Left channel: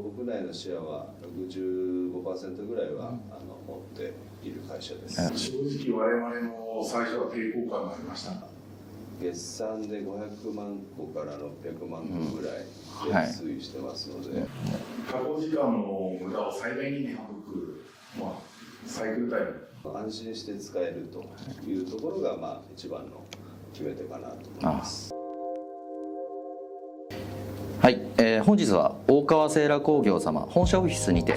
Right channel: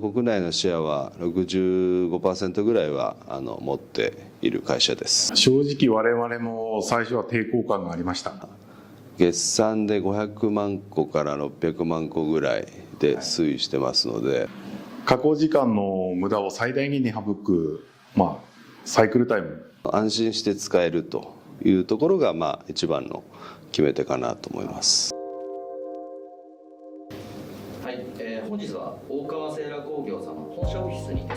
国内のシェアは 65% ぐらいは持っている会社です。正直我々も最初は抵抗感がありました。月産で500万個から600万個ぐらいで推移してますので、加工時間の無駄を最大限に省く、サイクルタイム、安心して使えるというところが一番の決め手かなと思います。はい、本日は大川セーラ工業様本社オフィスにて、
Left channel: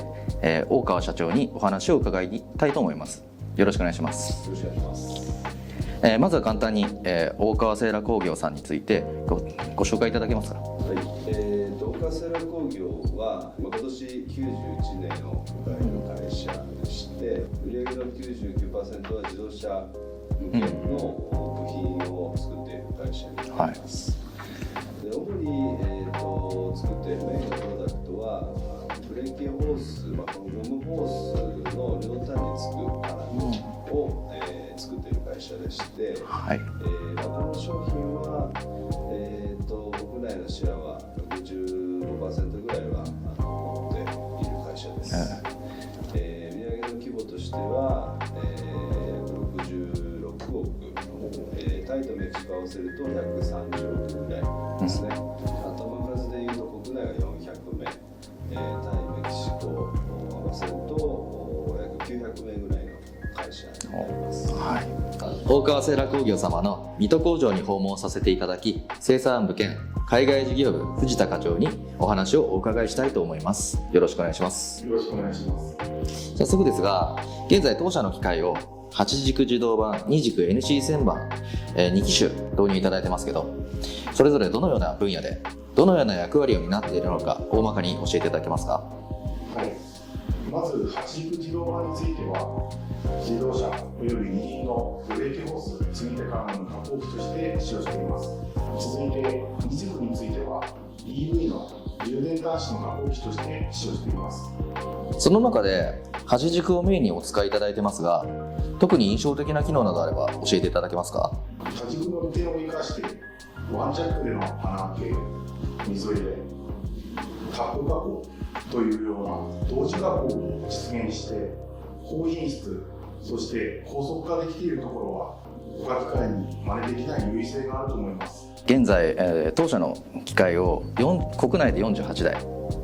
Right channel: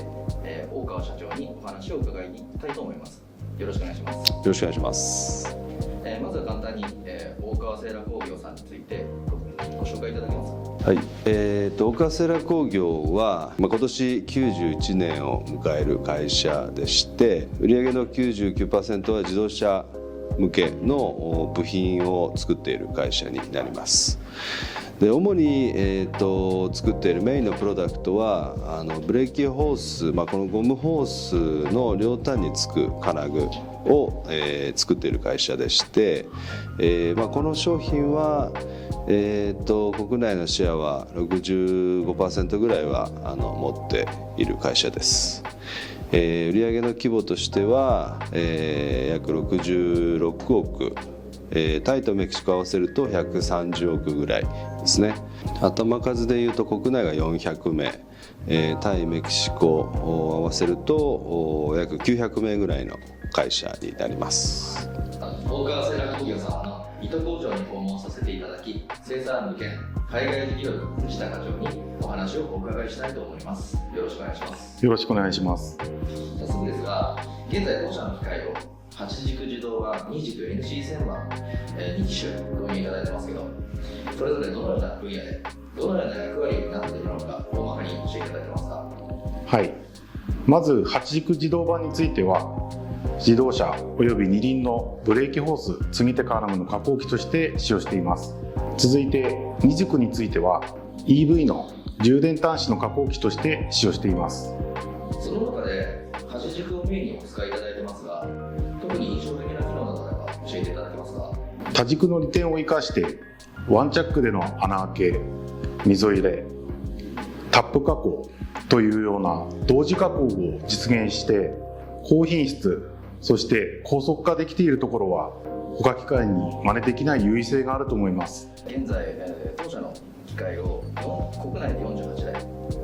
大川社長にお話を伺いたいと思います。よろしくお願いします。よろしくお願いします。まずは簡単に、大川セーラ工業さんについてご紹介いただけますか。はい、大川セーラ工業は、今年91年を迎える会社でして、売上の 99% は自動車向けの部品を作っている会社になります。で主に、作っているメインのプロダクトはブレーキホース、このゴムホースの両端につく金具を、作っている会社でして、この商品は、国内のシェアは 65% ぐらいは持っている会社です。売上の規模としては、約66億、タイとメキシコ合わせると130億ぐらいですね。頭数でいうと国内が400名、タイメキシコを合わせると約900名ぐらいの会社になります。大川セーラ工業様の水戸工場に訪問させていただき、生産部兼海外事業部藤田課長にお話をお伺いしたいと思います。よろしくお願いします。よろしくお願いします。早速ですが、現在当社の機械を8軸自動版、2軸 NC1000 版、2機種導入いただいてますけど、それぞれどのような分野でどのような役割を担っているのか大まかに教えていただけますか。はい、まず8軸自動版については自動車および二輪のブレーキホース積み手からの加工機として使用しています。続いて2軸については EV の充電端子の加工機として使用しています。その中で8軸をメインにお使いいただいてますが、特に印象的な機能などあれば教えていただけますか。多軸の利点を生かしてワンチャックでの穴開け、溝入れ、タップ加工というような同時加工を実現して高品質、そして高速化できているところは他機械に真似できない優位性があると思います。現在、当社の機械を国内で48台、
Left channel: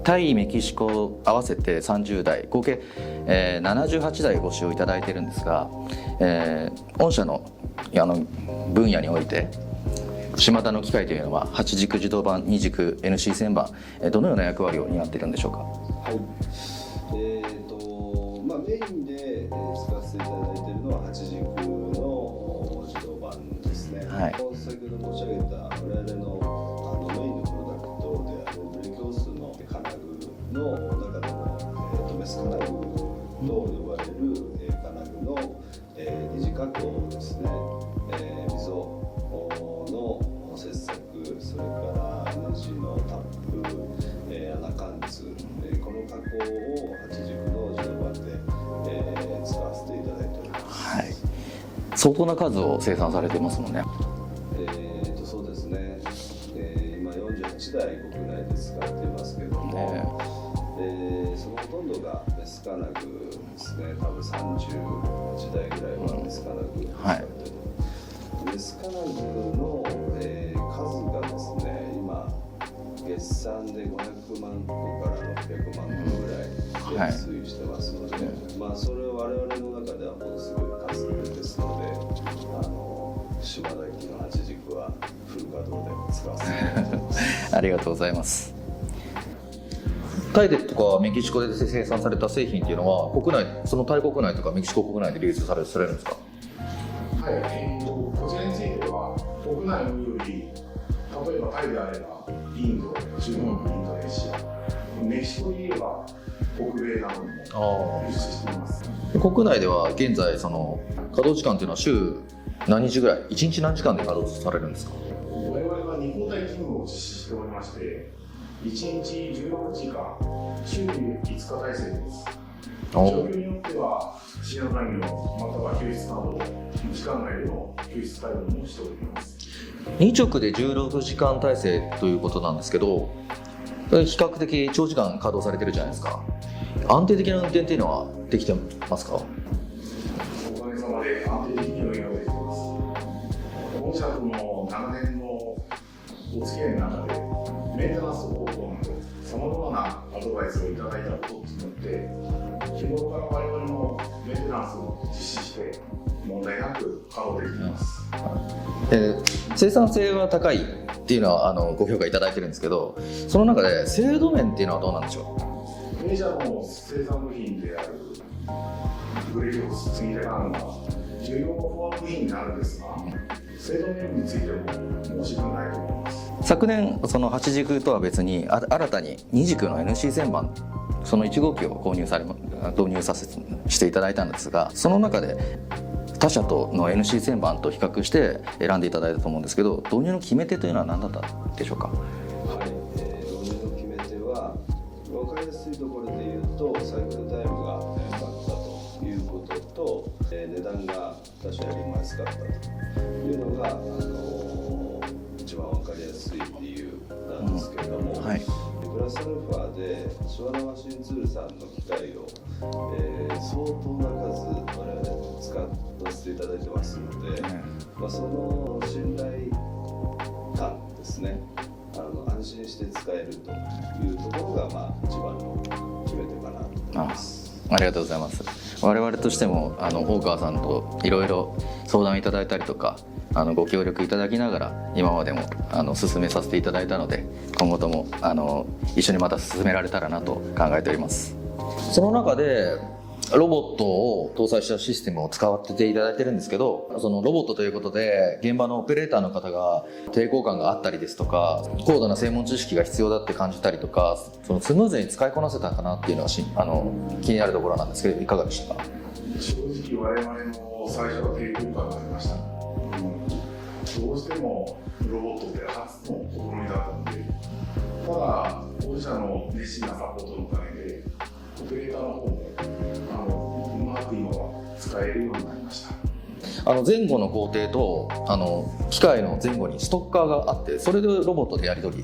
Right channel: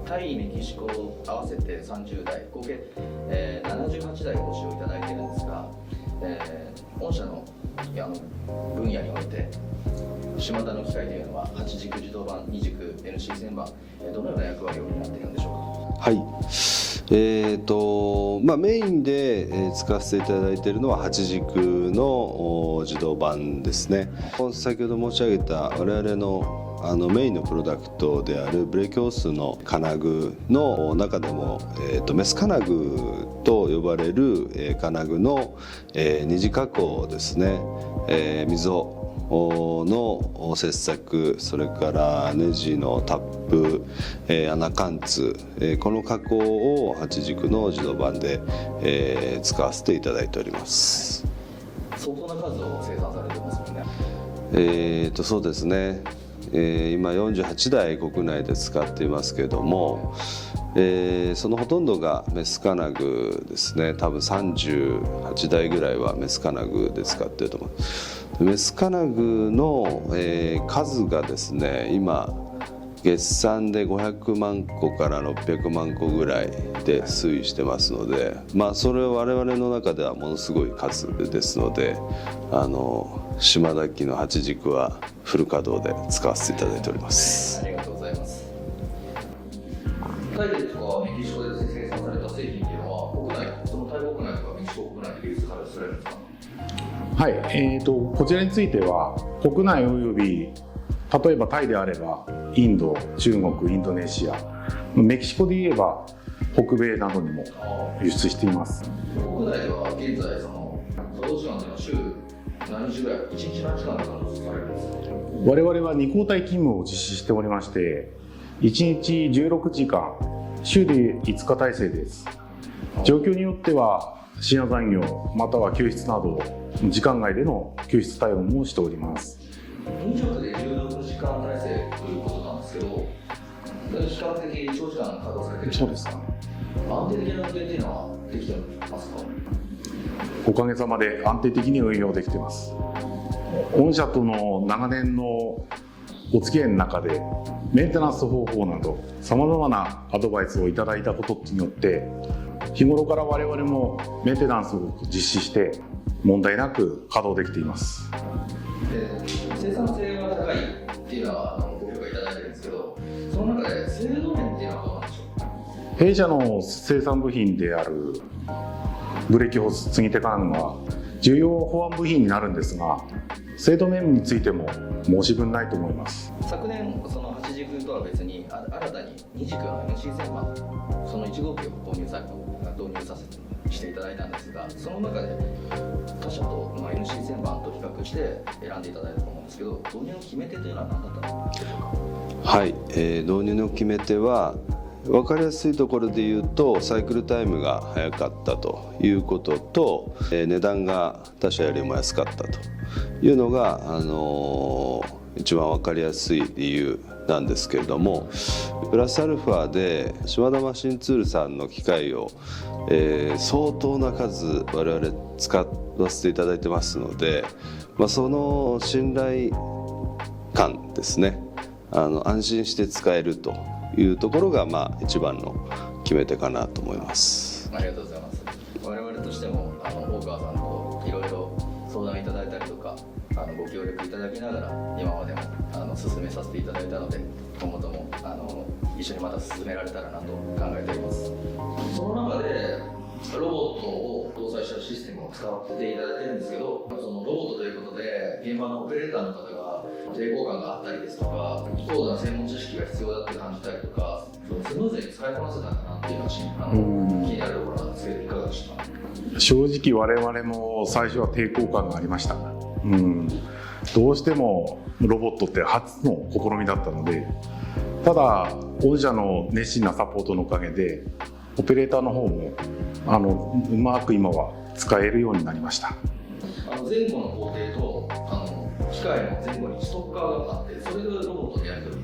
タイ、メキシコ合わせて30台、合計、78台ご使用いただいているんですが、御社の分野において島田の機械というのは8軸自動版、2軸 NC1000 版、どのような役割を担っているんでしょうか。はい、メインで使わせていただいているのは8軸の自動版ですね。先ほど申し上げた我々のメインのプロダクトであるブレーキホースの金具の中でも、メス金具と呼ばれる金具の二次加工ですね。溝の切削、それからネジのタップ、穴貫通、この加工を8軸の自動版で、使わせていただいております。相当な数を生産されてますもんね。そうですね。今48台国内で使っていますけれども、そのほとんどがメス金具ですね。多分38台ぐらいはメス金具で使っていると思います。メス金具の、数がですね、今月産で500万個から600万個ぐらいで推移してますので、それは我々の中ではものすごい数ですので、島田機の8軸はフル稼働で使わせていただいております。ありがとうございます。タイでとかメキシコで生産された製品っていうのは国内、そのタイ国内とかメキシコ国内で流通されるんですか。はい、こちらについては国内および例えばタイであればインド、中国、インドネシア、メキシコで言えば北米などにも輸出しています。国内では現在その稼働時間というのは週何日ぐらい、1日何時間で稼働されるんですか。我々は2交代勤務を実施しておりまして、1日16時間、週で5日体制です。状況によっては深夜残業または休日など時間外での休日対応もしております。2直で16時間体制ということなんですけど、比較的長時間稼働されてるじゃないですか。安定的な運転っていうのはできてますか？おかげさまで安定的に運用できています。御社との長年のお付き合いの中でメンテナンス方法などさまざまなアドバイスをいただいたことによって日頃から我々もメンテナンスを実施して問題なく稼働できています。生産性が高いっていうのはご評価いただいてるんですけど、その中で精度面っていうのはどうなんでしょう？弊社の生産部品であるブレーキホース継ぎ手管は重要保安部品になるんですが、精度面についても申し分ないと思います。昨年その8軸とは別に新たに2軸の NC 旋盤その1号機を導入させていただいたんですが、その中で他社との NC 旋盤と比較して選んでいただいたと思うんですけど、導入の決め手というのは何だったでしょうか？はい、導入の決め手は分かりやすいところで言うとサイクルタイムが早かったということと、値段が他社よりも安かったというのが、一番分かりやすい理由なんですけれども、はい、プラスアルファで島田マシンツールさんの機械を、相当な数我々使わせていただいてますので、その信頼感ですね、安心して使えるというところが一番の決め手かなと思います。ありがとうございます。我々としても大川さんといろいろ相談いただいたりとかご協力いただきながら今までも進めさせていただいたので、今後とも一緒にまた進められたらなと考えております。その中でロボットを搭載したシステムを使っていただいてるんですけど、そのロボットということで現場のオペレーターの方が抵抗感があったりですとか、高度な専門知識が必要だって感じたりとか、そのスムーズに使いこなせたかなっていうのは気になるところなんですけど、いかがでしたか？正直我々も最初は抵抗感がありました。どうしてもロボットって初の試みだったので、ただ御社の熱心なサポートのおかげでオペレーターの方もうまく今は使えるようになりました。前後の工程と機械の前後にストッカーがあって、それでロボットでやり取り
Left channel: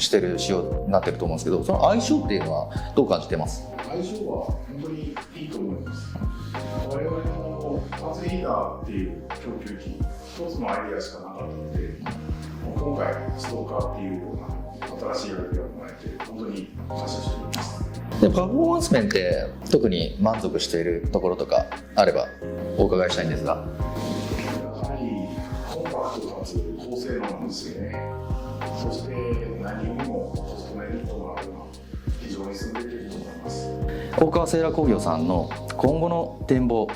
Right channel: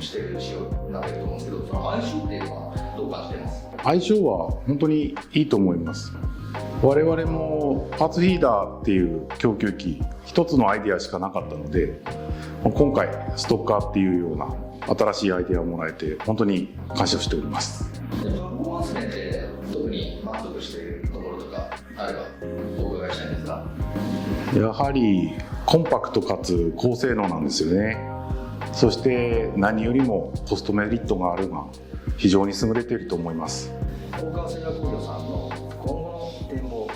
してる仕様になってると思うんですけど、その相性っていうのはどう感じてます？相性は本当にいいと思います。我々もパーツフィーダーっていう供給機一つのアイデアしかなかったので、今回ストッカーっていうような新しいアイデアをもらえて本当に感謝しております。でパフォーマンス面って特に満足しているところとかあればお伺いしたいんですが。やはりコンパクトかつ高性能なんですよね。そして何よりもコストメリットがあるが非常に優れていると思います。大川セーラ工業さんの今後の展望、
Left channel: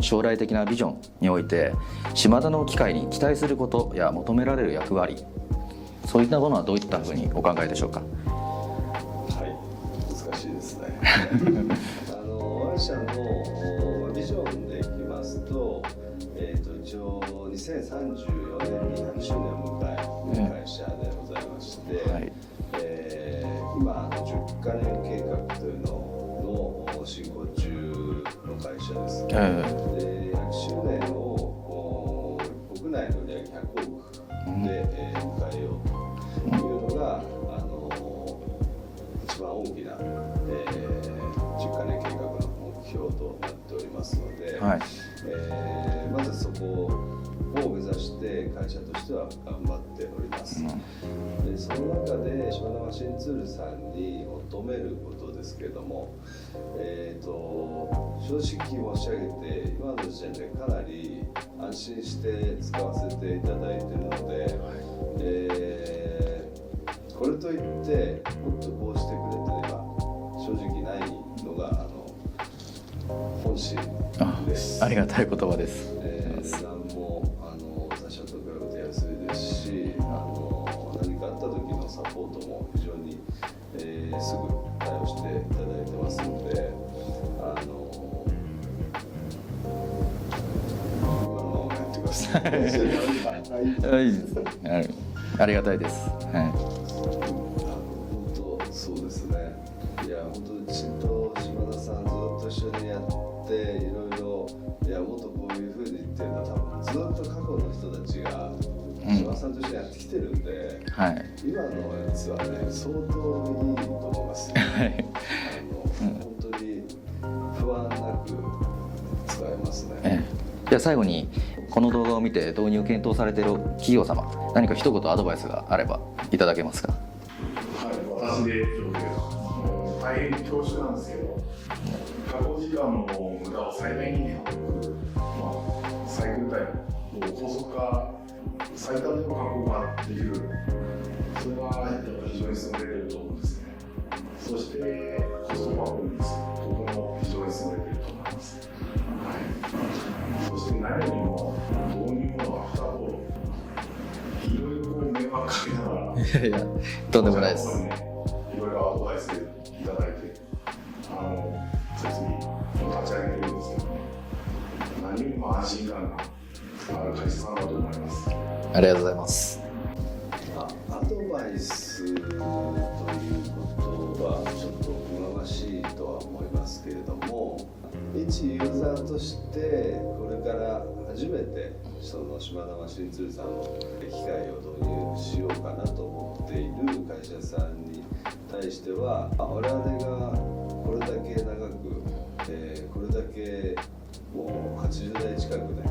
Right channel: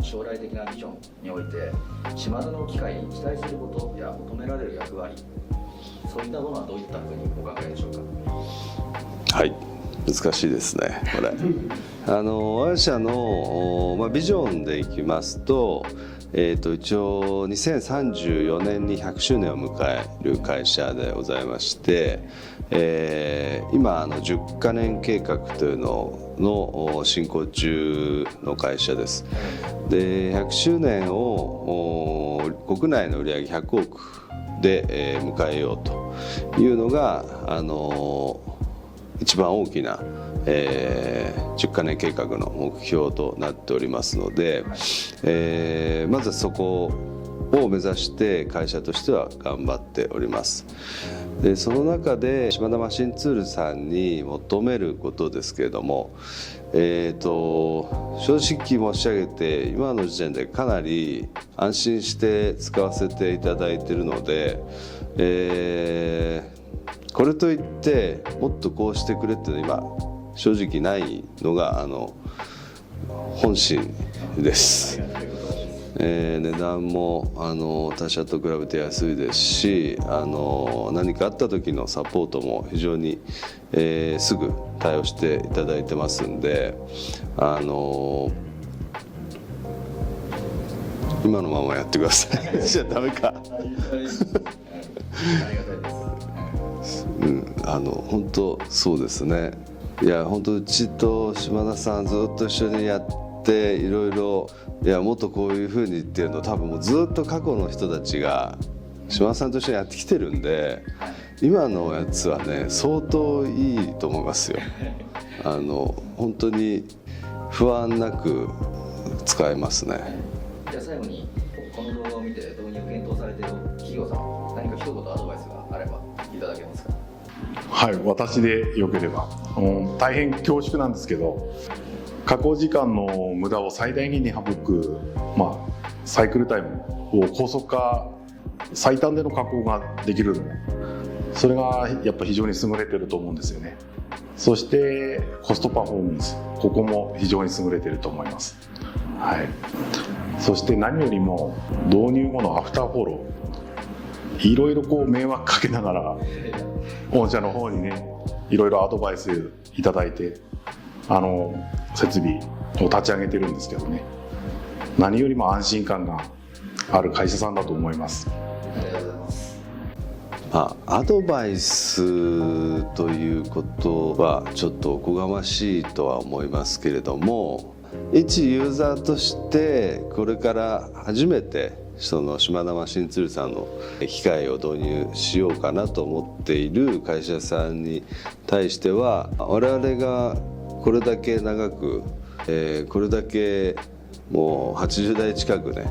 将来的なビジョンにおいて島田の機械に期待することや求められる役割、そういったものはどういったふうにお考えでしょうか？はい、難しいですね。我社の、ビジョンでいきますと、一応2034年に100周年を迎える会社でございまして、今10カ年計画というのの進行中の会社です。で100周年を国内の売上100億で迎えようというのが一番大きな、10カ年計画の目標となっておりますので、はい、まずそこを目指して会社としては頑張っております。でその中で島田マシンツールさんに求めることですけれども、正直申し上げて今の時点でかなり安心して使わせていただいているので、これといってもっとこうしてくれっていうのは今正直ないのが本心です。ありがたい言葉です。値段も他社と比べて安いですし、何かあった時のサポートも非常に、すぐ対応していただいてますんで、今のままやってください。じゃダメか。はい、ありがたいです。本当そうですね。いや本当うちと島田さんずっと一緒にやっていろいろもっとこういう風にっていうのを多分もうずっと過去の人たちが島田さんと一緒にやってきてるんで、今のやつはね相当いいと思いますよ。本当に不安なく使えますね。じゃあ最後にこの動画を見て導入を検討されている企業様、何か一言アドバイスがあればいただけますか？はい、私でよければ、大変恐縮なんですけど、加工時間の無駄を最大限に省く、サイクルタイムを高速化、最短での加工ができる、それがやっぱ非常に優れてると思うんですよね。そしてコストパフォーマンス、ここも非常に優れてると思います。はい、そして何よりも導入後のアフターフォロー、いろいろ迷惑かけながら当社の方にねいろいろアドバイスいただいて設備を立ち上げてるんですけどね、何よりも安心感がある会社さんだと思います。ありがとうございます。アドバイスということはちょっとおこがましいとは思いますけれども、一ユーザーとしてこれから初めてその島田マシンツールさんの機械を導入しようかなと思っている会社さんに対しては、我々がこれだけ長く、これだけもう80台近くね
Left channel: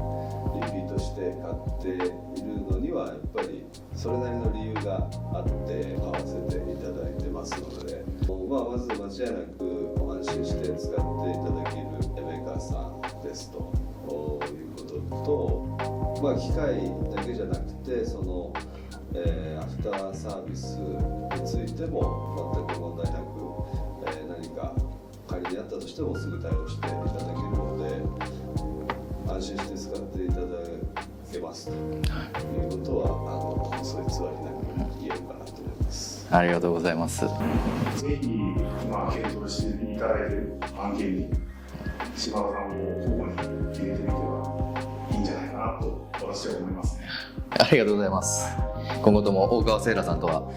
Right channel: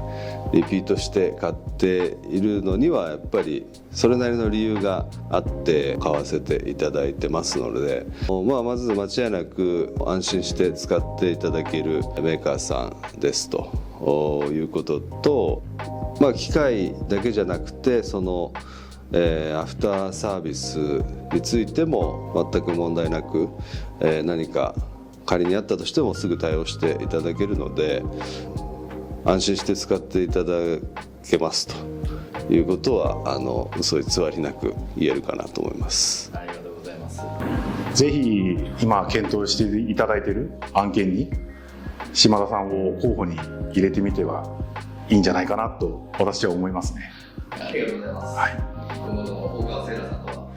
リピートして買っているのにはやっぱりそれなりの理由があって買わせていただいてますので、まず間違いなく安心して使っていただけるメーカーさんですということと、機械だけじゃなくてそのアフターサービスについても全く問題なく、何か仮にあったとしてもすぐ対応していただけるので安心して使っていただけますということは嘘偽りなく言えるかなと思います。ありがとうございます。ぜひ今検討していただいている案件に島田さんを候補に入れてみてはいいんじゃないかなと私は思いますね。ありがとうございます。今後とも大川セイラさんとは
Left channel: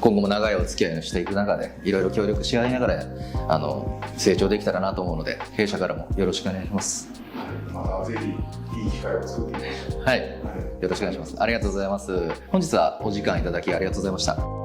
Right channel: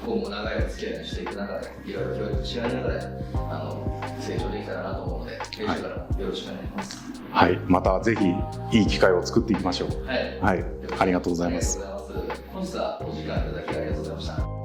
今後も長いお付き合いをしていく中でいろいろ協力し合いながら成長できたらなと思うので、弊社からもよろしくお願いします。はい、またぜひいい機会を作っていきましょう。はい、よろしくお願いします。ありがとうございます。本日はお時間いただきありがとうございました。